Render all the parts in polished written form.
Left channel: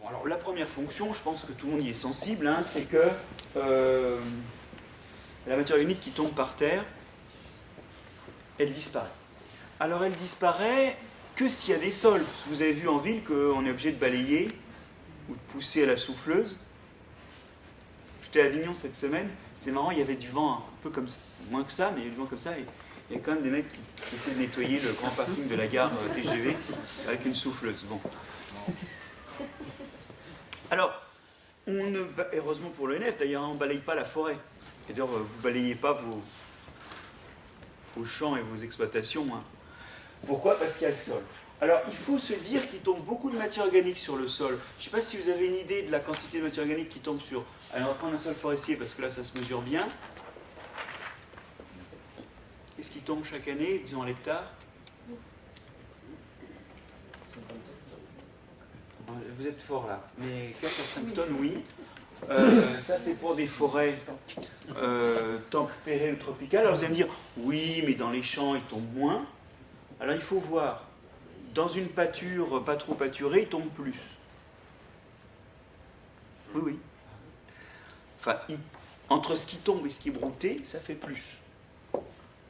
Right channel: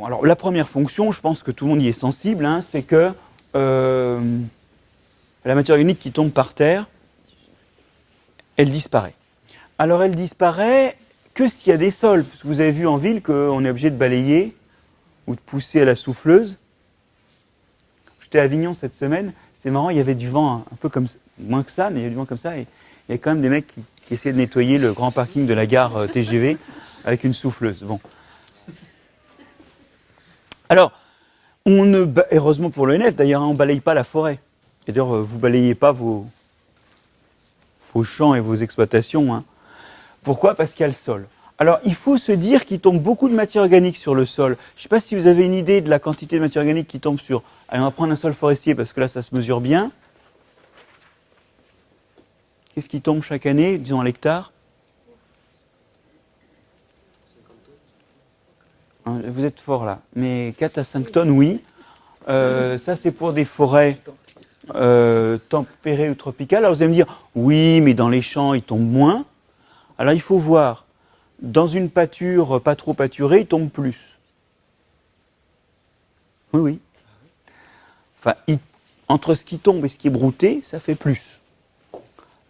fonctions. Alors, la première fonction, je pense que tout le monde y est sensible, hein, c'est que la matière organique qui tombe par terre, elle disparaît. Alors, elle disparaît que s'il y a des sols. Vous avez vu en ville qu'on est obligé de balayer ou de pousser à la souffleuse. J'étais à Avignon cette semaine, c'était marrant, il y avait du vent un peu comme moins que ça, mais il y avait du vent comme ça, et il y avait quand même des mecs qui essayaient de nettoyer le grand parking de la gare TGV avec une souffleuse. Bon. Alors, heureusement pour l'ONF, d'ailleurs, on ne balaye pas la forêt. C'est-à-dire, vous ne balayez pas vos champs et vos exploitations. Hein. Pourquoi? Parce qu'il y a le sol. Alors, il faut se dire qu'il tombe beaucoup de matière organique sur le sol. Je ne sais pas si vous avez une idée de la quantité de matière organique qui tombe sur... Allez, on va prendre un sol forestier parce que là, ça se mesure bien. Qu'est-ce qui tombe chaque année, disons à l'hectare? Vous êtes fort là. Mais 4 à 5 tonnes, oui. Ça, c'est pour des forêts tempérées ou tropicales. Alors, vous allez me dire, oui, mais dans les champs, il tombe moins. Alors, il faut voir. Dans une pâture pas trop pâturée, il tombe plus. Oui, oui. Enfin, entre ce qui tombe et ce qui est brouté, ça fait plus.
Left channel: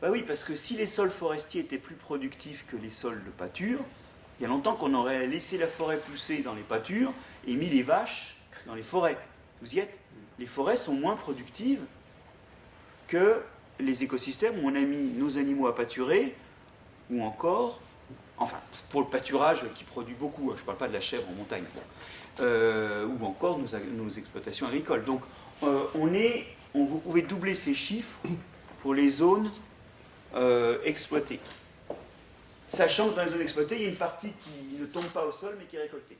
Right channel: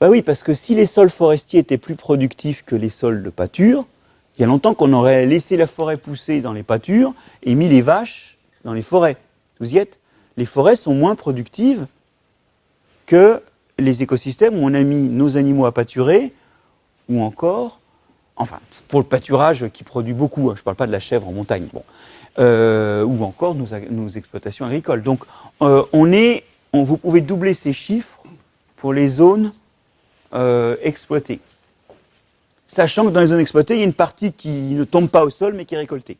Ben oui, parce que si les sols forestiers étaient plus productifs que les sols de pâture, il y a longtemps qu'on aurait laissé la forêt pousser dans les pâtures et mis les vaches dans les forêts. Vous y êtes? Les forêts sont moins productives que les écosystèmes où on a mis nos animaux à pâturer, ou encore, enfin, pour le pâturage qui produit beaucoup, hein, je ne parle pas de la chèvre en montagne, bon, ou encore nos exploitations agricoles. Donc, vous pouvez doubler ces chiffres pour les zones exploitées. Sachant que dans les zones exploitées, il y a une partie qui ne tombe pas au sol, mais qui est récoltée.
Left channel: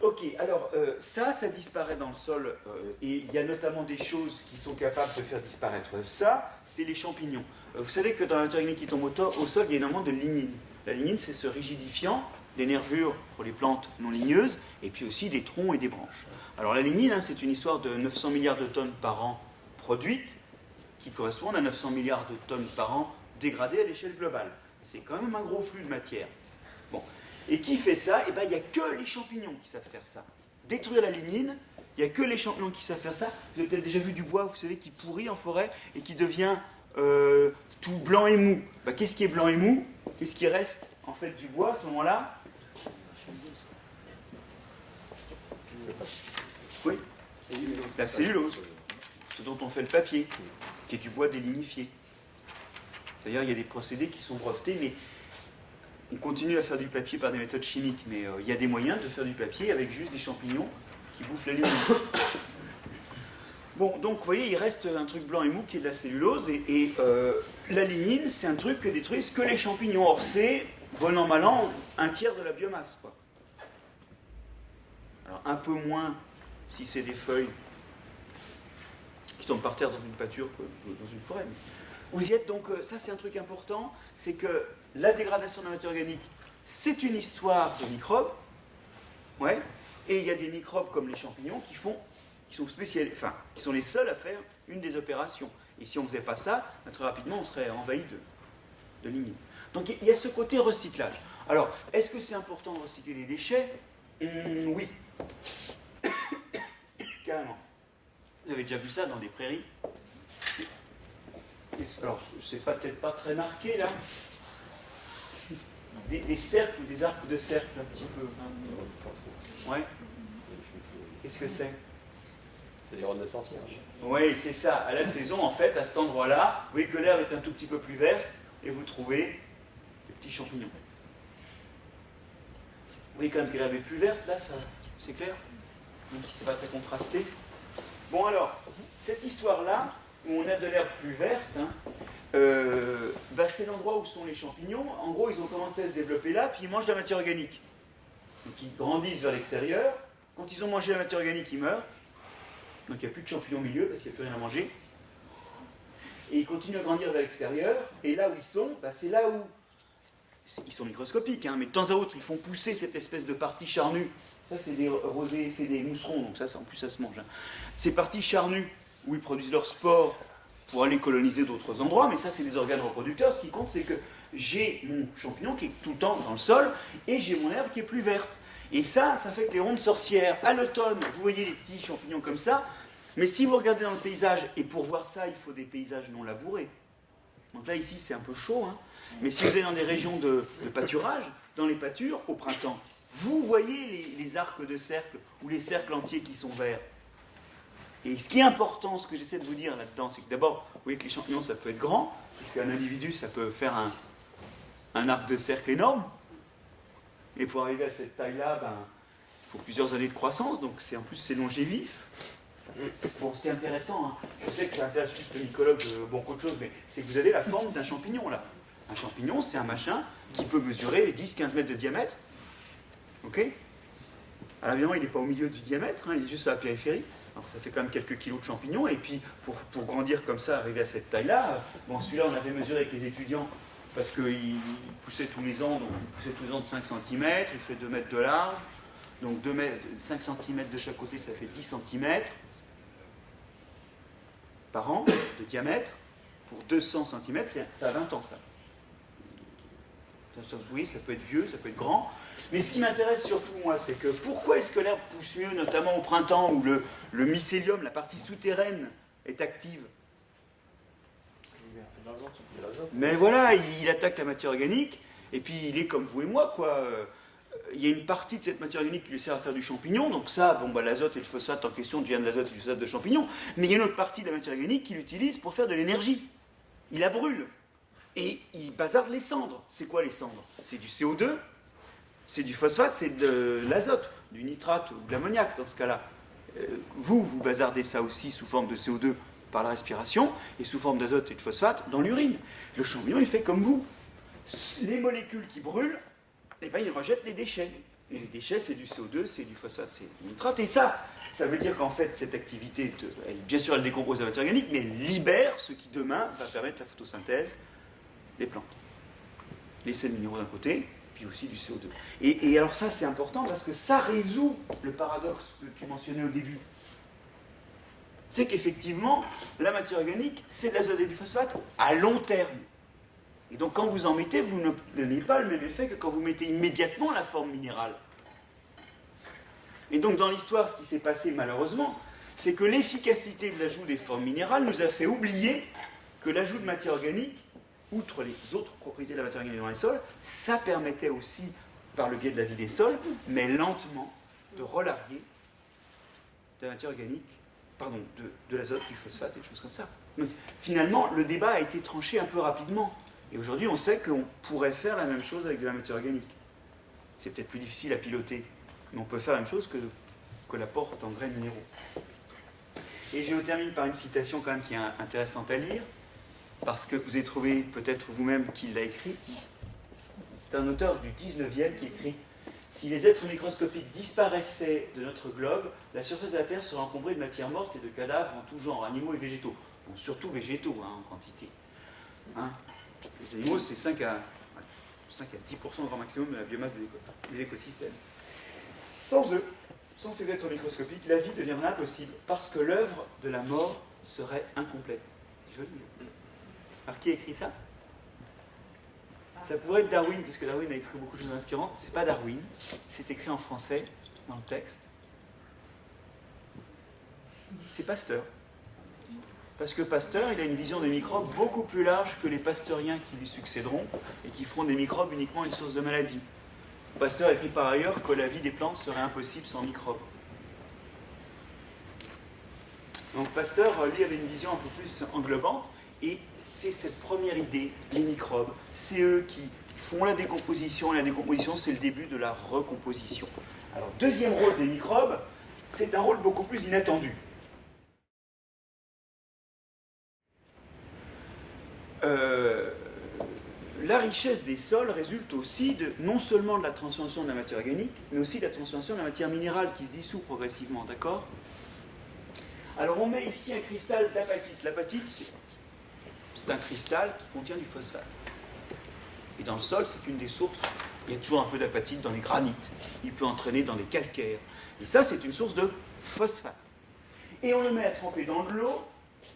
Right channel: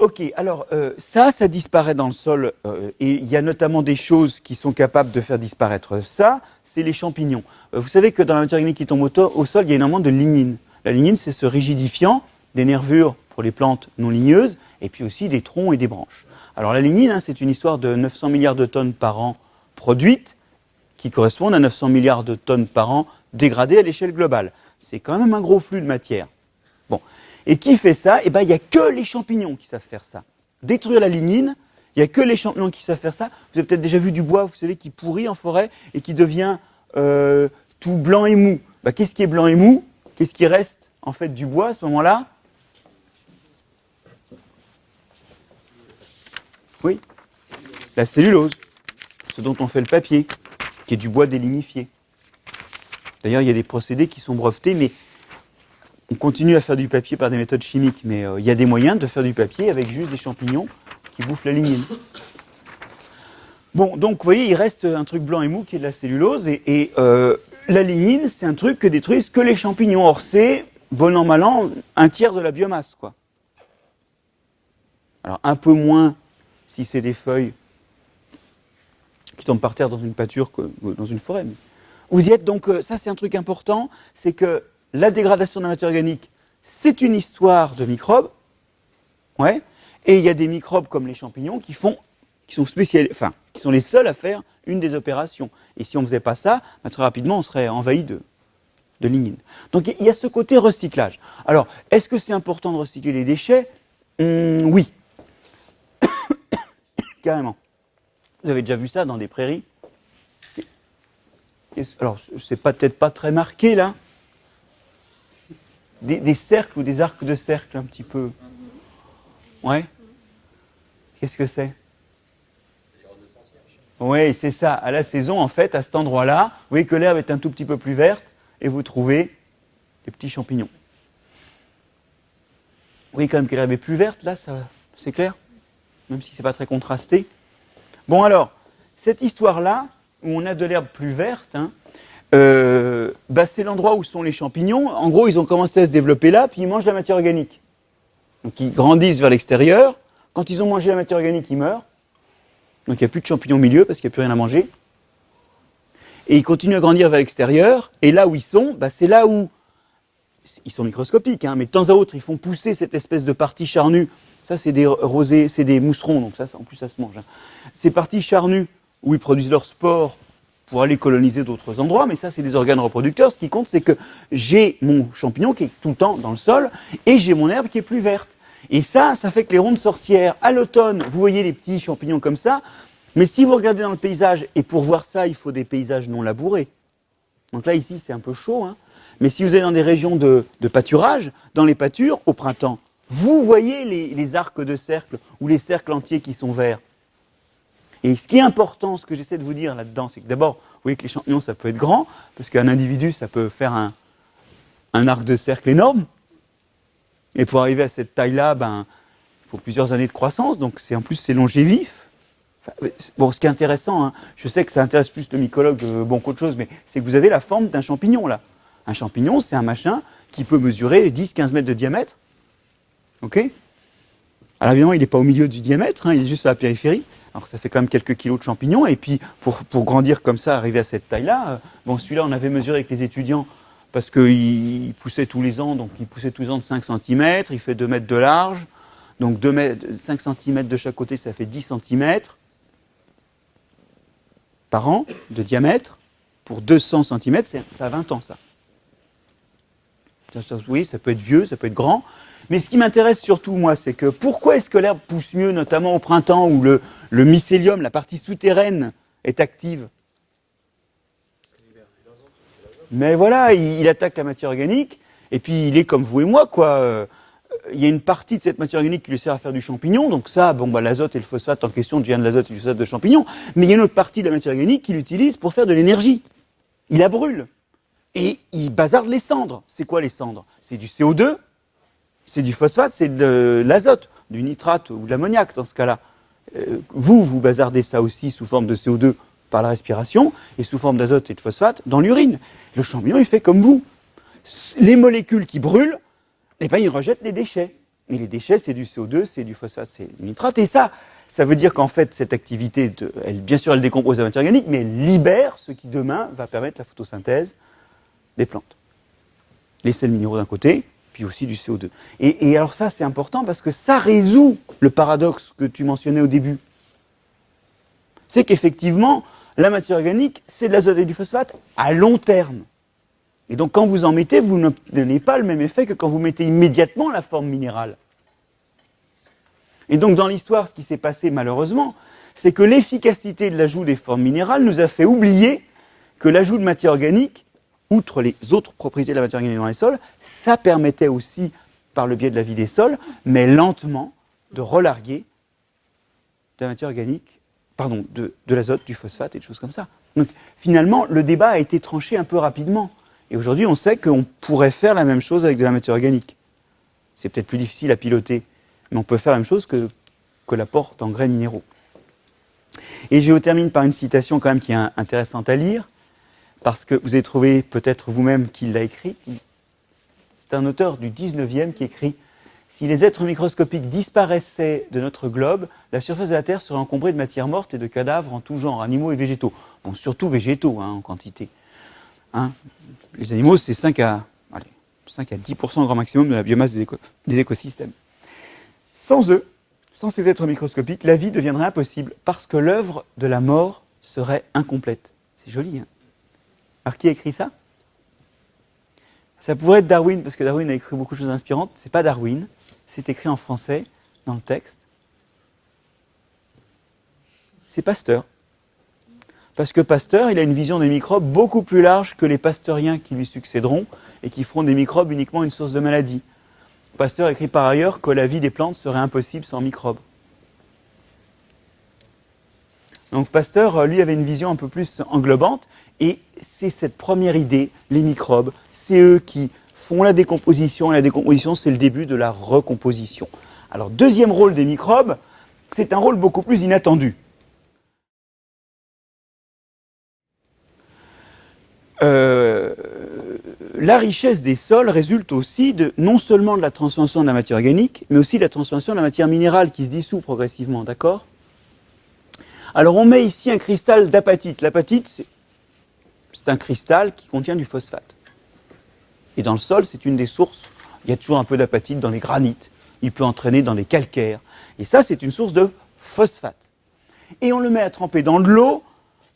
Ok, alors ça disparaît dans le sol, et il y a notamment des choses qui sont capables de faire disparaître ça, c'est les champignons. Vous savez que dans la matière organique qui tombe au sol, il y a énormément de lignine. La lignine, c'est ce rigidifiant des nervures pour les plantes non ligneuses, et puis aussi des troncs et des branches. Alors la lignine, hein, c'est une histoire de 900 milliards de tonnes par an produites, qui correspondent à 900 milliards de tonnes par an dégradées à l'échelle globale. C'est quand même un gros flux de matière. Bon. Et qui fait ça? Eh bien, il n'y a que les champignons qui savent faire ça. Détruire la lignine, il n'y a que les champignons qui savent faire ça. Vous avez peut-être déjà vu du bois, vous savez, qui pourrit en forêt et qui devient tout blanc et mou. Ben, qu'est-ce qui est blanc et mou? Qu'est-ce qui reste, en fait, du bois à ce moment-là? Oui, la cellulose, ce dont on fait le papier, qui est du bois délignifié. D'ailleurs, il y a des procédés qui sont brevetés, mais on continue à faire du papier par des méthodes chimiques. Mais il y a des moyens de faire du papier avec juste des champignons qui bouffent la lignine. Bon, donc vous voyez, il reste un truc blanc et mou qui est de la cellulose, et la lignine, c'est un truc que détruisent que les champignons. Or, c'est, bon an, mal an, un tiers de la biomasse, quoi. Alors, un peu moins si c'est des feuilles qui tombent par terre dans une pâture que dans une forêt. Mais vous y êtes, donc ça c'est un truc important, c'est que la dégradation de la matière organique, c'est une histoire de microbes, ouais, et il y a des microbes comme les champignons qui sont qui sont les seuls à faire une des opérations. Et si on ne faisait pas ça, très rapidement on serait envahi de lignine. Donc il y a ce côté recyclage. Alors, est-ce que c'est important de recycler les déchets? Oui. Carrément. Vous avez déjà vu ça dans des prairies? Alors, c'est peut-être pas très marqué, là. Des cercles ou des arcs de cercle, un petit peu. Ouais. Qu'est-ce que c'est? C'est des rondes de sorcières. Oui, c'est ça. À la saison, en fait, à cet endroit-là, vous voyez que l'herbe est un tout petit peu plus verte, et vous trouvez des petits champignons. Vous voyez quand même que l'herbe est plus verte, là, c'est clair? Même si c'est pas très contrasté. Bon, alors, cette histoire-là, où on a de l'herbe plus verte, hein, c'est l'endroit où sont les champignons. En gros, ils ont commencé à se développer là, puis ils mangent la matière organique. Donc, ils grandissent vers l'extérieur. Quand ils ont mangé la matière organique, ils meurent. Donc, il n'y a plus de champignons au milieu parce qu'il n'y a plus rien à manger. Et ils continuent à grandir vers l'extérieur. Et là où ils sont, c'est là où... Ils sont microscopiques, hein, mais de temps à autre, ils font pousser cette espèce de partie charnue. Ça, c'est des rosés, c'est des mousserons, donc ça, en plus, ça se mange. Hein. Ces parties charnues, où ils produisent leurs spores pour aller coloniser d'autres endroits, mais ça, c'est des organes reproducteurs. Ce qui compte, c'est que j'ai mon champignon qui est tout le temps dans le sol, et j'ai mon herbe qui est plus verte. Et ça fait que les rondes sorcières, à l'automne, vous voyez les petits champignons comme ça, mais si vous regardez dans le paysage, et pour voir ça, il faut des paysages non labourés. Donc là, ici, c'est un peu chaud, hein. Mais si vous êtes dans des régions de pâturage, dans les pâtures, au printemps, vous voyez les arcs de cercle ou les cercles entiers qui sont verts. Et ce qui est important, ce que j'essaie de vous dire là-dedans, c'est que d'abord, vous voyez que les champignons, ça peut être grand, parce qu'un individu, ça peut faire un arc de cercle énorme. Et pour arriver à cette taille-là, il faut plusieurs années de croissance, donc en plus, c'est longévif. Enfin, bon, ce qui est intéressant, hein, je sais que ça intéresse plus le mycologue qu'autre chose, mais c'est que vous avez la forme d'un champignon, là. Un champignon, c'est un machin qui peut mesurer 10-15 mètres de diamètre. OK ? Alors évidemment, il n'est pas au milieu du diamètre, hein, il est juste à la périphérie. Alors ça fait quand même quelques kilos de champignons. Et puis, pour grandir comme ça, arriver à cette taille-là, celui-là, on avait mesuré avec les étudiants parce qu'il poussait tous les ans. Donc, il poussait tous les ans de 5 cm. Il fait 2 mètres de large. Donc, 5 cm de chaque côté, ça fait 10 cm par an de diamètre. Pour 200 cm, ça a 20 ans, ça. Oui, ça peut être vieux, ça peut être grand. Mais ce qui m'intéresse surtout, moi, c'est que pourquoi est-ce que l'herbe pousse mieux, notamment au printemps, où le mycélium, la partie souterraine, est active ? Mais voilà, il attaque la matière organique, et puis il est comme vous et moi, quoi. Il y a une partie de cette matière organique qui lui sert à faire du champignon, donc ça, l'azote et le phosphate en question devient de l'azote et du phosphate de champignon, mais il y a une autre partie de la matière organique qu'il utilise pour faire de l'énergie. Il la brûle. Et il bazarde les cendres. C'est quoi les cendres ? C'est du CO2, c'est du phosphate, c'est de l'azote, du nitrate ou de l'ammoniac dans ce cas-là. Vous bazardez ça aussi sous forme de CO2 par la respiration et sous forme d'azote et de phosphate dans l'urine. Le champignon, il fait comme vous. Les molécules qui brûlent, il rejette les déchets. Et les déchets, c'est du CO2, c'est du phosphate, c'est du nitrate. Et ça veut dire qu'en fait, cette activité, bien sûr, elle décompose la matière organique, mais elle libère ce qui demain va permettre la photosynthèse des plantes. Les sels minéraux d'un côté, puis aussi du CO2. Et alors ça, c'est important parce que ça résout le paradoxe que tu mentionnais au début. C'est qu'effectivement, la matière organique, c'est de l'azote et du phosphate à long terme. Et donc quand vous en mettez, vous n'obtenez pas le même effet que quand vous mettez immédiatement la forme minérale. Et donc dans l'histoire, ce qui s'est passé malheureusement, c'est que l'efficacité de l'ajout des formes minérales nous a fait oublier que l'ajout de matière organique, outre les autres propriétés de la matière organique dans les sols, ça permettait aussi, par le biais de la vie des sols, mais lentement, de relarguer de la matière organique, de l'azote, du phosphate et des choses comme ça. Donc finalement, le débat a été tranché un peu rapidement. Et aujourd'hui, on sait qu'on pourrait faire la même chose avec de la matière organique. C'est peut-être plus difficile à piloter, mais on peut faire la même chose que l'apport d'engrais minéraux. Et je termine par une citation quand même qui est intéressante à lire, parce que vous avez trouvé peut-être vous-même qui l'a écrit. C'est un auteur du 19e qui écrit « Si les êtres microscopiques disparaissaient de notre globe, la surface de la Terre serait encombrée de matière morte et de cadavres en tout genre, animaux et végétaux. » Bon, surtout végétaux, en quantité. Les animaux, c'est 5 à 10% grand maximum de la biomasse des écosystèmes. Sans eux, sans ces êtres microscopiques, la vie deviendrait impossible, parce que l'œuvre de la mort serait incomplète. C'est joli, hein ? Alors, qui a écrit ça ? Ça pourrait être Darwin, parce que Darwin a écrit beaucoup de choses inspirantes. C'est pas Darwin, c'est écrit en français, dans le texte. C'est Pasteur. Parce que Pasteur, il a une vision des microbes beaucoup plus large que les pasteuriens qui lui succéderont et qui feront des microbes uniquement une source de maladie. Pasteur écrit par ailleurs que la vie des plantes serait impossible sans microbes. Donc Pasteur, lui, avait une vision un peu plus englobante. Et c'est cette première idée, les microbes, c'est eux qui font la décomposition. Et la décomposition, c'est le début de la recomposition. Alors, deuxième rôle des microbes, c'est un rôle beaucoup plus inattendu. La richesse des sols résulte aussi non seulement de la transformation de la matière organique, mais aussi de la transformation de la matière minérale qui se dissout progressivement, d'accord ? Alors, on met ici un cristal d'apatite. L'apatite, c'est un cristal qui contient du phosphate. Et dans le sol, c'est une des sources. Il y a toujours un peu d'apatite dans les granites. Il peut entraîner dans les calcaires. Et ça, c'est une source de phosphate. Et on le met à tremper dans de l'eau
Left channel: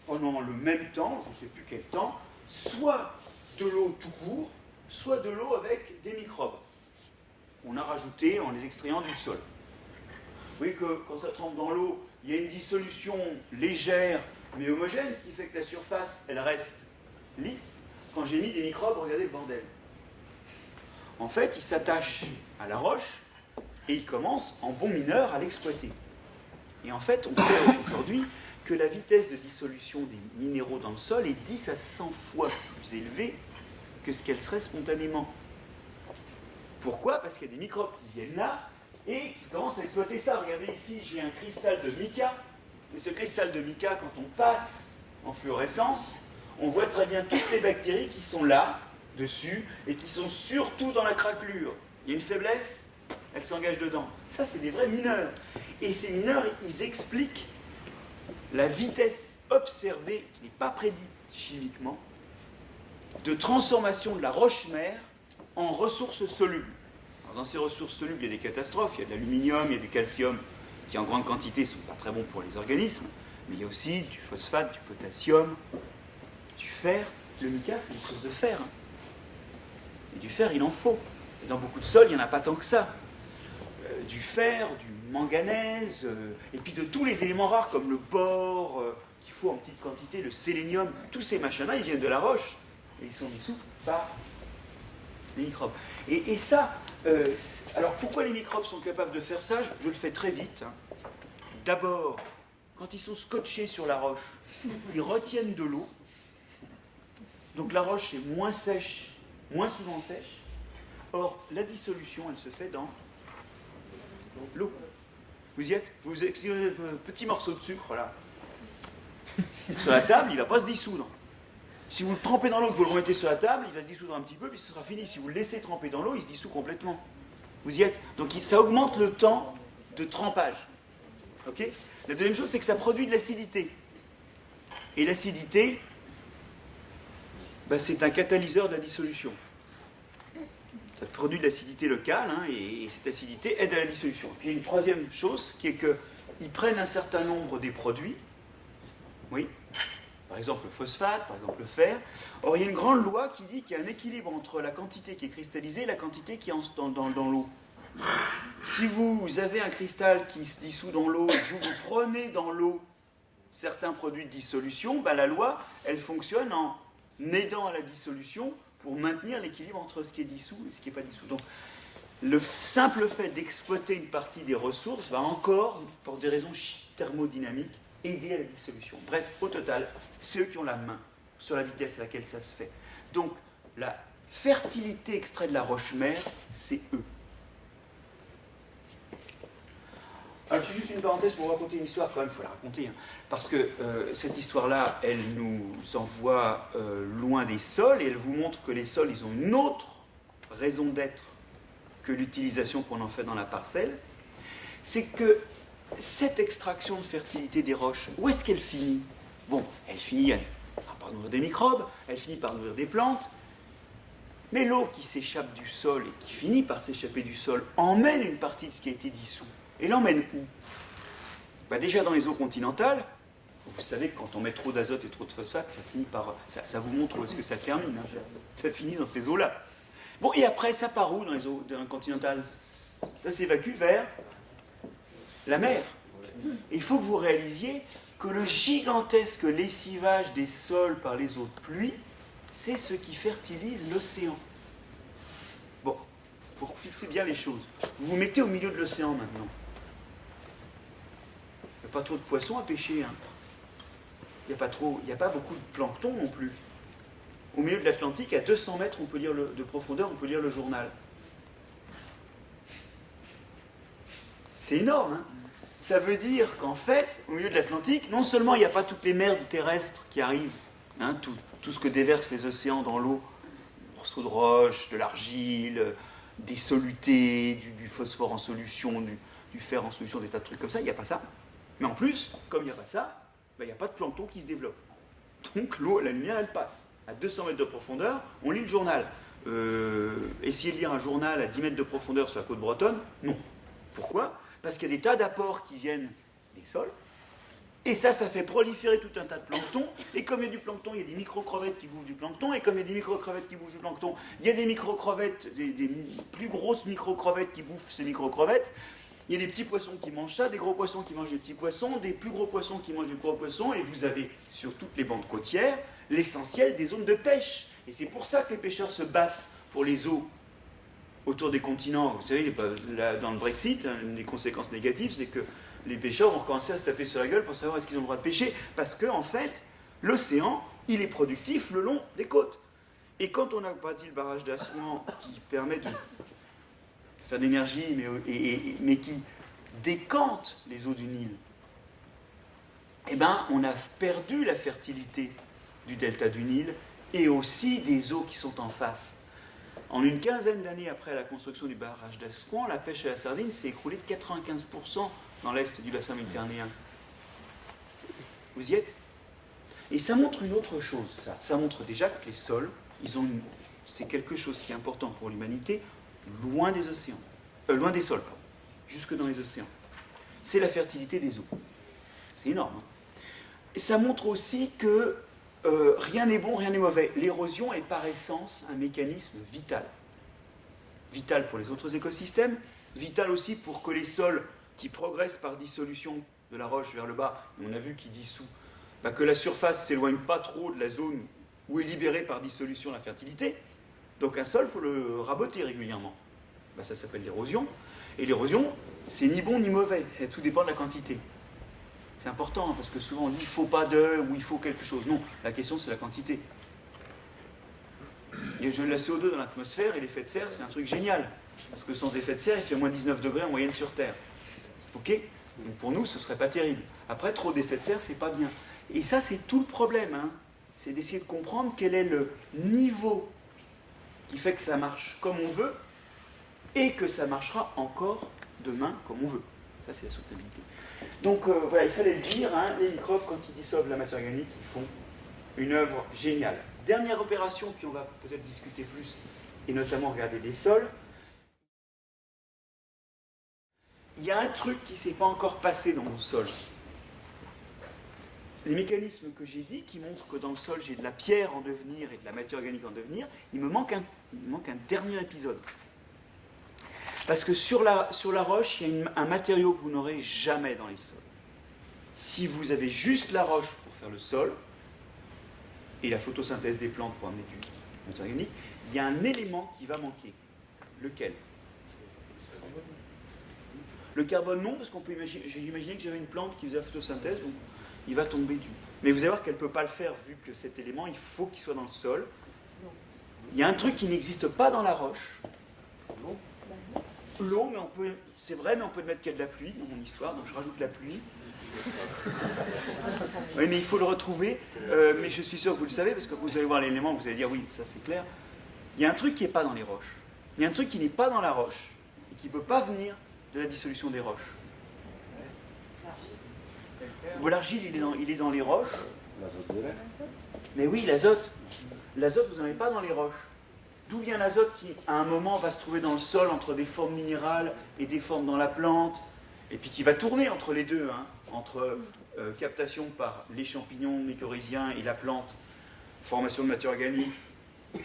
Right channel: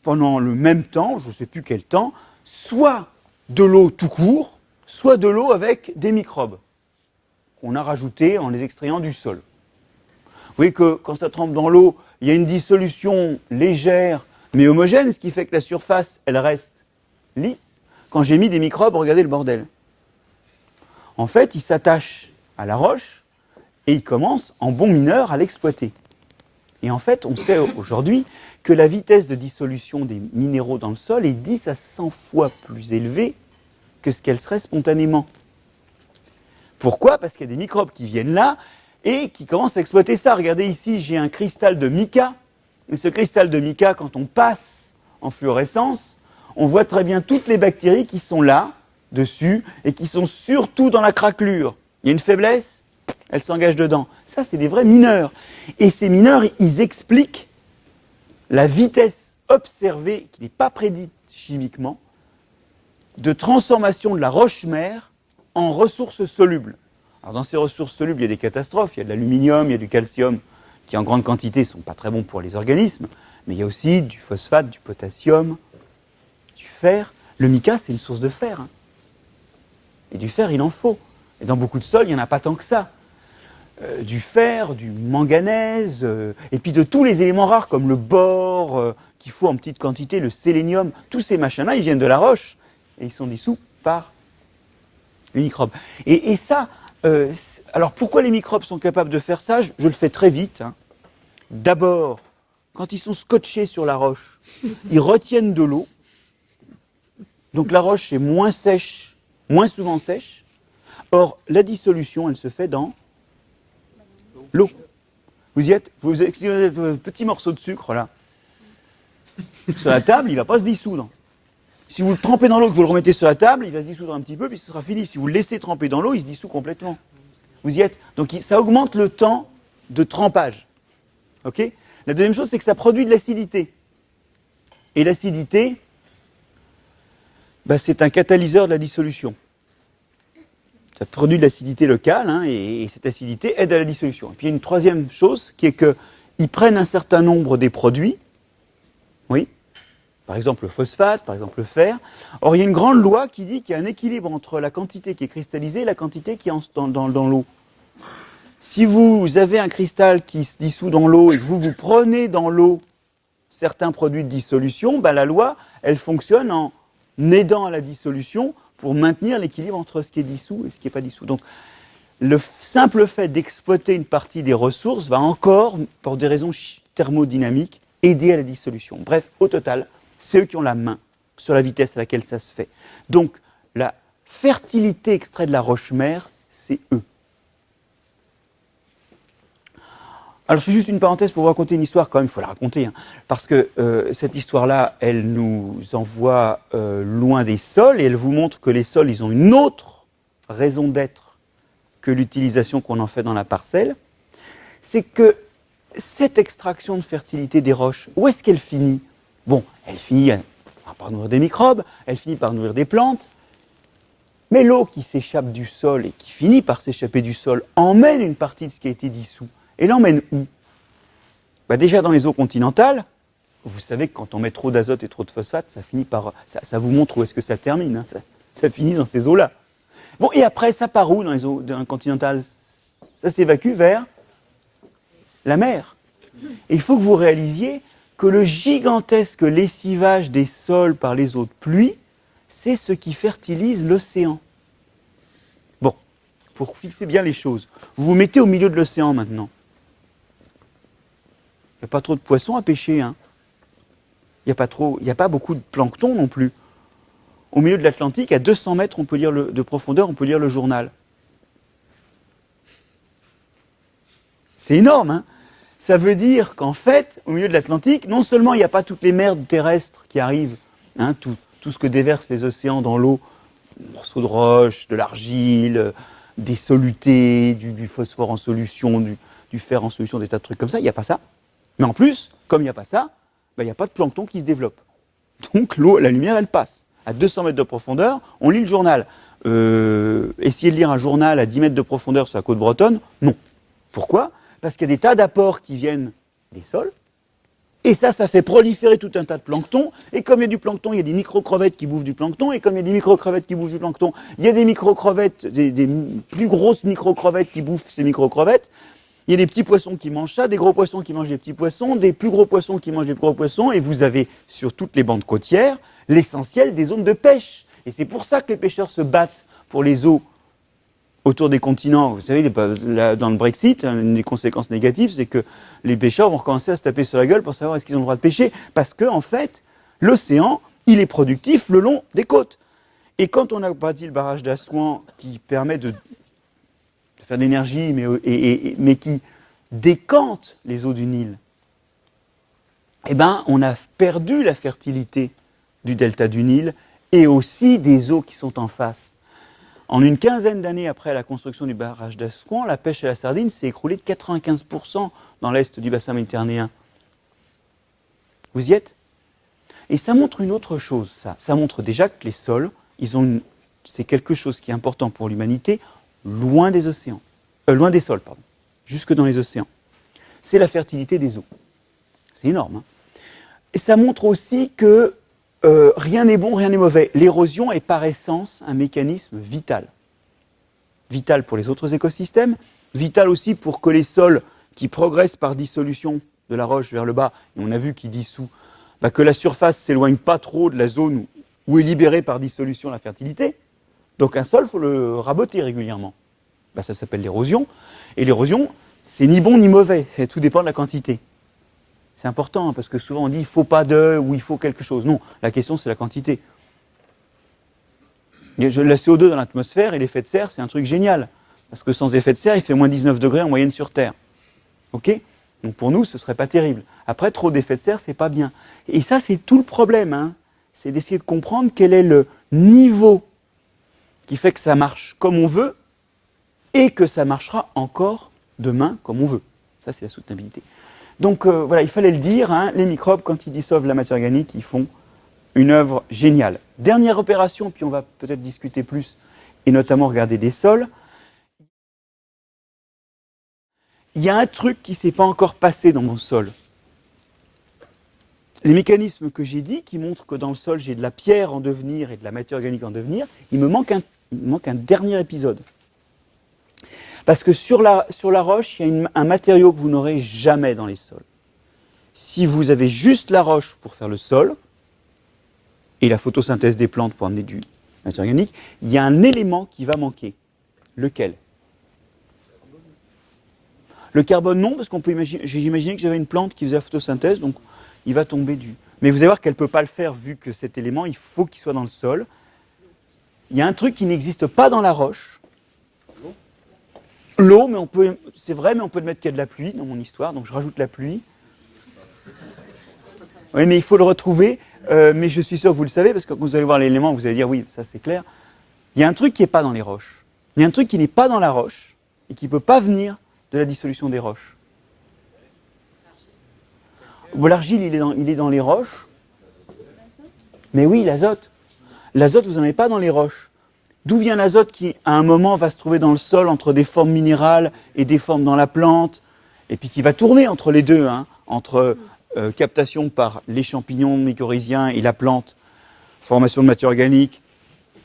pendant le même temps, je ne sais plus quel temps, soit de l'eau tout court, soit de l'eau avec des microbes qu'on a rajoutés en les extrayant du sol. Vous voyez que quand ça trempe dans l'eau, il y a une dissolution légère mais homogène, ce qui fait que la surface, elle reste lisse. Quand j'ai mis des microbes, regardez le bordel. En fait, ils s'attachent à la roche et ils commencent, en bons mineurs, à l'exploiter. Et en fait, on sait aujourd'hui que la vitesse de dissolution des minéraux dans le sol est 10 à 100 fois plus élevée que ce qu'elle serait spontanément. Pourquoi ? Parce qu'il y a des microbes qui viennent là et qui commencent à exploiter ça. Regardez ici, j'ai un cristal de mica. Mais ce cristal de mica, quand on passe en fluorescence, on voit très bien toutes les bactéries qui sont là, dessus, et qui sont surtout dans la craquelure. Il y a une faiblesse, elles s'engagent dedans. Ça, c'est des vrais mineurs. Et ces mineurs, ils expliquent la vitesse observée, qui n'est pas prédite chimiquement, de transformation de la roche-mère en ressources solubles. Alors dans ces ressources solubles, il y a des catastrophes, il y a de l'aluminium, il y a du calcium, qui en grande quantité ne sont pas très bons pour les organismes, mais il y a aussi du phosphate, du potassium, du fer. Le mica, c'est une source de fer. Et du fer, il en faut. Et dans beaucoup de sols, il n'y en a pas tant que ça. Du fer, du manganèse, et puis de tous les éléments rares comme le bore, qu'il faut en petite quantité, le sélénium, tous ces machins-là, ils viennent de la roche, et ils sont dissous par les microbes. Et ça, alors pourquoi les microbes sont capables de faire ça ? Je le fais très vite. D'abord, quand ils sont scotchés sur la roche, ils retiennent de l'eau. Donc la roche est moins sèche, moins souvent sèche. Or, la dissolution, elle se fait dans l'eau. Vous y êtes ? Vous avez un petit morceau de sucre, là, sur la table, il ne va pas se dissoudre. Si vous le trempez dans l'eau et que vous le remettez sur la table, il va se dissoudre un petit peu, puis ce sera fini. Si vous le laissez tremper dans l'eau, il se dissout complètement. Vous y êtes ? Donc ça augmente le temps de trempage. Okay ? La deuxième chose, c'est que ça produit de l'acidité. Et l'acidité, c'est un catalyseur de la dissolution. Ça produit de l'acidité locale, et cette acidité aide à la dissolution. Et puis il y a une troisième chose, qui est qu'ils prennent un certain nombre des produits, oui, par exemple le phosphate, par exemple le fer. Or, il y a une grande loi qui dit qu'il y a un équilibre entre la quantité qui est cristallisée et la quantité qui est dans l'eau. Si vous avez un cristal qui se dissout dans l'eau et que vous prenez dans l'eau certains produits de dissolution, la loi, elle fonctionne en aidant à la dissolution pour maintenir l'équilibre entre ce qui est dissous et ce qui n'est pas dissous. Donc, le simple fait d'exploiter une partie des ressources va encore, pour des raisons thermodynamiques, aider à la dissolution. Bref, au total, c'est eux qui ont la main sur la vitesse à laquelle ça se fait. Donc, la fertilité extraite de la roche-mère, c'est eux. Alors, je fais juste une parenthèse pour vous raconter une histoire, quand même, il faut la raconter, parce que cette histoire-là, elle nous envoie loin des sols, et elle vous montre que les sols, ils ont une autre raison d'être que l'utilisation qu'on en fait dans la parcelle. C'est que cette extraction de fertilité des roches, où est-ce qu'elle finit ? Bon, elle finit par nourrir des microbes, elle finit par nourrir des plantes, mais l'eau qui s'échappe du sol et qui finit par s'échapper du sol emmène une partie de ce qui a été dissous. Et l'emmène où ? Déjà dans les eaux continentales, vous savez que quand on met trop d'azote et trop de phosphate, ça finit par. Ça vous montre où est-ce que ça termine. Ça finit dans ces eaux-là. Bon, et après, ça part où dans les eaux continentales ? Ça s'évacue vers la mer. Et il faut que vous réalisiez que le gigantesque lessivage des sols par les eaux de pluie, c'est ce qui fertilise l'océan. Bon, pour fixer bien les choses, vous vous mettez au milieu de l'océan maintenant. Il n'y a pas trop de poissons à pêcher. Il n'y a pas beaucoup de plancton non plus. Au milieu de l'Atlantique, à 200 mètres de profondeur, on peut lire le journal. C'est énorme, Ça veut dire qu'en fait, au milieu de l'Atlantique, non seulement il n'y a pas toutes les merdes terrestres qui arrivent, tout ce que déversent les océans dans l'eau, morceaux de roche, de l'argile, des solutés, du phosphore en solution, du fer en solution, des tas de trucs comme ça, il n'y a pas ça. Mais en plus, comme il n'y a pas ça, il n'y a pas de plancton qui se développe. Donc la lumière, elle passe. À 200 mètres de profondeur, on lit le journal. Essayer de lire un journal à 10 mètres de profondeur sur la côte bretonne, non. Pourquoi ? Parce qu'il y a des tas d'apports qui viennent des sols, Et ça fait proliférer tout un tas de plancton. Et comme il y a du plancton, il y a des micro-crevettes qui bouffent du plancton. Et comme il y a des micro-crevettes qui bouffent du plancton, il y a des micro-crevettes, des plus grosses micro-crevettes qui bouffent ces micro-crevettes. Il y a des petits poissons qui mangent ça, des gros poissons qui mangent des petits poissons, des plus gros poissons qui mangent des gros poissons. Et vous avez sur toutes les bandes côtières l'essentiel des zones de pêche. Et c'est pour ça que les pêcheurs se battent pour les eaux autour des continents. Vous savez, dans le Brexit, une des conséquences négatives, c'est que les pêcheurs vont recommencer à se taper sur la gueule pour savoir est-ce qu'ils ont le droit de pêcher. Parce que, en fait, l'océan, il est productif le long des côtes. Et quand on a bâti le barrage d'Assouan qui permet de faire de l'énergie, mais qui décante les eaux du Nil, eh ben, on a perdu la fertilité du delta du Nil et aussi des eaux qui sont en face. En une quinzaine d'années après la construction du barrage d'Assouan, la pêche à la sardine s'est écroulée de 95% dans l'est du bassin méditerranéen. Vous y êtes? Et ça montre une autre chose, ça. Ça montre déjà que les sols, c'est quelque chose qui est important pour l'humanité, loin des océans. Loin des sols, pardon. Jusque dans les océans. C'est la fertilité des eaux. C'est énorme. Hein. Et ça montre aussi que rien n'est bon, rien n'est mauvais. L'érosion est par essence un mécanisme vital. Vital pour les autres écosystèmes, vital aussi pour que les sols qui progressent par dissolution de la roche vers le bas, et on a vu qu'il dissout, que la surface ne s'éloigne pas trop de la zone où est libérée par dissolution la fertilité. Donc un sol, il faut le raboter régulièrement. Ça s'appelle l'érosion. Et l'érosion, c'est ni bon ni mauvais, tout dépend de la quantité. C'est important, hein, parce que souvent on dit il ne faut pas de, ou il faut quelque chose. Non, la question c'est la quantité. La CO2 dans l'atmosphère et l'effet de serre, c'est un truc génial. Parce que sans effet de serre, il fait moins 19 degrés en moyenne sur Terre. Ok? Donc pour nous, ce ne serait pas terrible. Après, trop d'effet de serre, c'est pas bien. Et ça, c'est tout le problème. Hein. C'est d'essayer de comprendre quel est le niveau qui fait que ça marche comme on veut et que ça marchera encore demain comme on veut. Ça, c'est la soutenabilité. Donc voilà, il fallait le dire, hein, les microbes, quand ils dissolvent la matière organique, ils font une œuvre géniale. Dernière opération, puis on va peut-être discuter plus, et notamment regarder des sols. Il y a un truc qui ne s'est pas encore passé dans mon sol. Les mécanismes que j'ai dit, qui montrent que dans le sol, j'ai de la pierre en devenir et de la matière organique en devenir, il me manque un dernier épisode. Parce que sur la roche, il y a un matériau que vous n'aurez jamais dans les sols. Si vous avez juste la roche pour faire le sol, et la photosynthèse des plantes pour amener du matière organique, il y a un élément qui va manquer. Lequel? Le carbone, non, parce qu'on peut imaginer, j'ai imaginé que j'avais une plante qui faisait la photosynthèse, donc il va tomber du... Mais vous allez voir qu'elle ne peut pas le faire, vu que cet élément, il faut qu'il soit dans le sol. Il y a un truc qui n'existe pas dans la roche. L'eau, mais c'est vrai, mais on peut mettre qu'il y a de la pluie dans mon histoire, donc je rajoute la pluie. Oui, mais il faut le retrouver, mais je suis sûr que vous le savez, parce que quand vous allez voir l'élément, vous allez dire, oui, ça c'est clair. Il y a un truc qui n'est pas dans les roches. Il y a un truc qui n'est pas dans la roche, et qui ne peut pas venir de la dissolution des roches. L'argile, il est dans les roches. Mais oui, l'azote. L'azote, vous n'en avez pas dans les roches. D'où vient l'azote qui, à un moment, va se trouver dans le sol entre des formes minérales et des formes dans la plante, et puis qui va tourner entre les deux, hein, entre captation par les champignons mycorhiziens et la plante, formation de matière organique,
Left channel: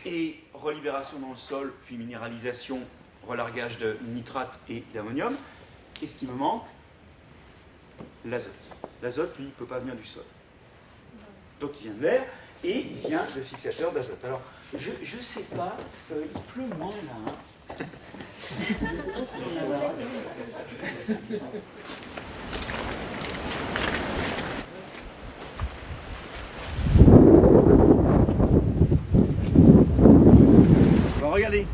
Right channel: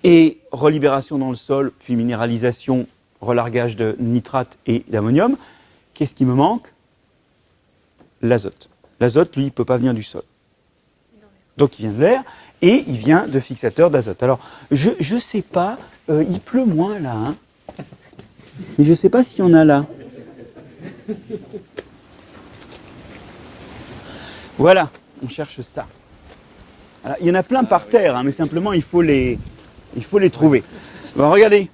et relibération dans le sol, puis minéralisation, relargage de nitrate et d'ammonium. Qu'est-ce qui me manque? L'azote. L'azote, lui, il ne peut pas venir du sol. Donc il vient de l'air. Et il vient de fixateurs d'azote. Alors, je ne sais pas, il pleut moins là, hein, mais je ne sais pas s'il y en a là. Voilà, on cherche ça. Il y en a plein par terre, hein, mais simplement il faut les trouver. Bon, regardez,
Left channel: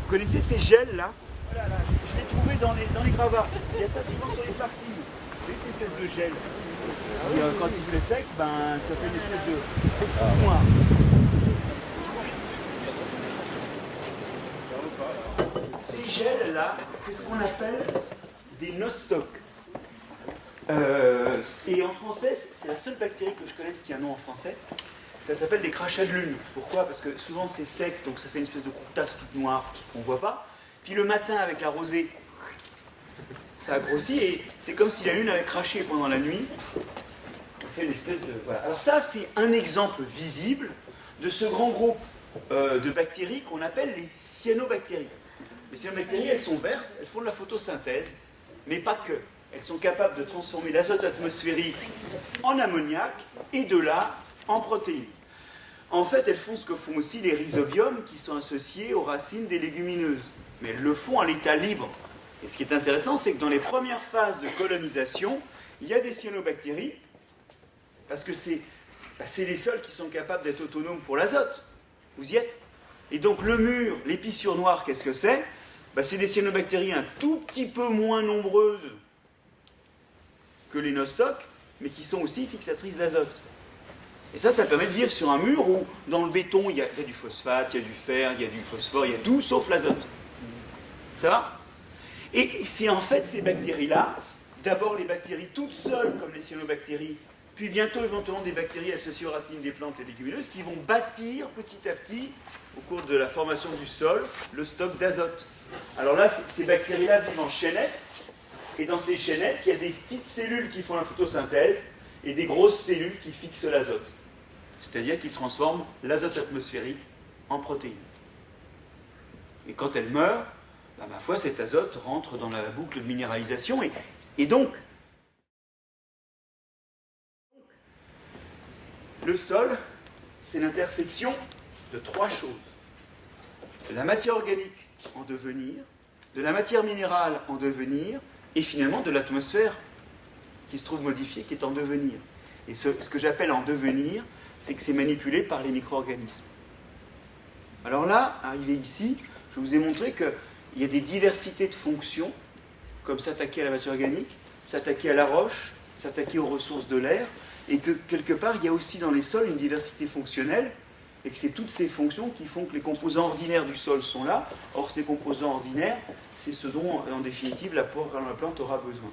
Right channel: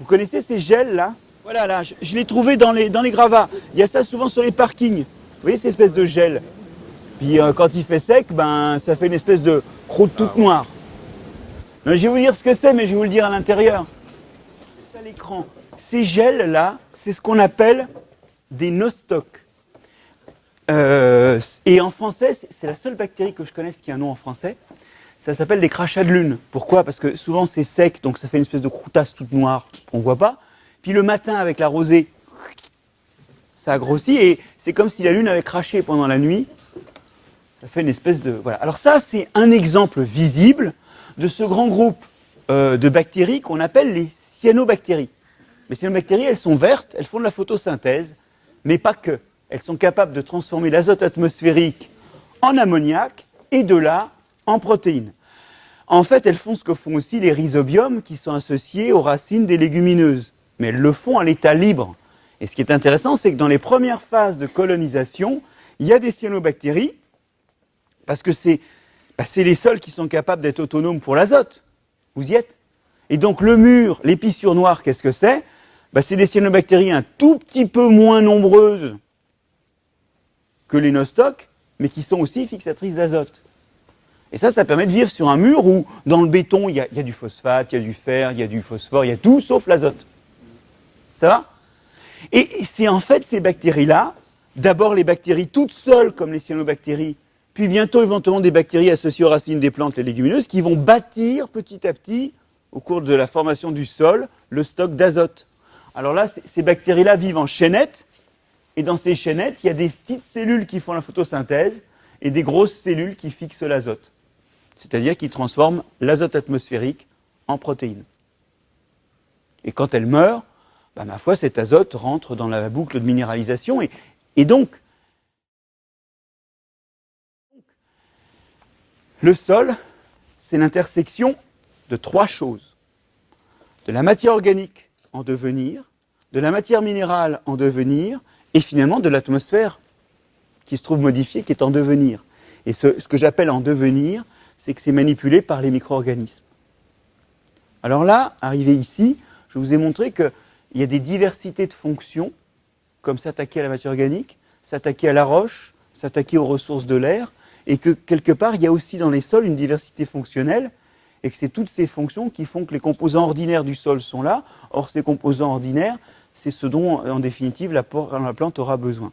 vous connaissez ces gels là? Voilà, là, je l'ai trouvé dans les gravats. Il y a ça souvent sur les parkings. Vous voyez ces espèces de gel? Puis quand il fait sec, ça fait une espèce de croûte toute noire. Je vais vous dire ce que c'est, mais je vais vous le dire à l'intérieur. Ces gels-là, c'est ce qu'on appelle des nostocs. Et en français, c'est la seule bactérie que je connaisse qui a un nom en français. Ça s'appelle des crachats de lune. Pourquoi? Parce que souvent c'est sec, donc ça fait une espèce de croûtasse toute noire qu'on ne voit pas. Puis le matin, avec la rosée, ça a grossi et c'est comme si la lune avait craché pendant la nuit. on fait une espèce de... Voilà. Alors ça, c'est un exemple visible de ce grand groupe de bactéries qu'on appelle les cyanobactéries. Les cyanobactéries, elles sont vertes, elles font de la photosynthèse, mais pas que. Elles sont capables de transformer l'azote atmosphérique en ammoniac et de là en protéines. En fait, elles font ce que font aussi les rhizobiums qui sont associés aux racines des légumineuses. Mais elles le font à l'état libre. Et ce qui est intéressant, c'est que dans les premières phases de colonisation, il y a des cyanobactéries, parce que c'est les sols qui sont capables d'être autonomes pour l'azote. Vous y êtes? Et donc le mur, l'épissure noire, qu'est-ce que c'est? C'est des cyanobactéries un tout petit peu moins nombreuses que les nostocs, mais qui sont aussi fixatrices d'azote. Et ça permet de vivre sur un mur où, dans le béton, il y a du phosphate, il y a du fer, il y a du phosphore, il y a tout sauf l'azote. Ça va? Et c'est en fait ces bactéries-là, d'abord les bactéries toutes seules, comme les cyanobactéries, puis bientôt éventuellement des bactéries associées aux racines des plantes, les légumineuses, qui vont bâtir petit à petit, au cours de la formation du sol, le stock d'azote. Alors là, ces bactéries-là vivent en chaînettes, et dans ces chaînettes, il y a des petites cellules qui font la photosynthèse, et des grosses cellules qui fixent l'azote. C'est-à-dire qui transforment l'azote atmosphérique en protéines. Et quand elles meurent, ma foi, cet azote rentre dans la boucle de minéralisation, et donc, le sol, c'est l'intersection de trois choses. De la matière organique en devenir, de la matière minérale en devenir, et finalement de l'atmosphère qui se trouve modifiée, qui est en devenir. Et ce que j'appelle en devenir, c'est que c'est manipulé par les micro-organismes. Alors là, arrivé ici, je vous ai montré qu'il y a des diversités de fonctions, comme s'attaquer à la matière organique, s'attaquer à la roche, s'attaquer aux ressources de l'air, et que quelque part, il y a aussi dans les sols une diversité fonctionnelle, et que c'est toutes ces fonctions qui font que les composants ordinaires du sol sont là. Or, ces composants ordinaires, c'est ce dont, en définitive, la plante aura besoin.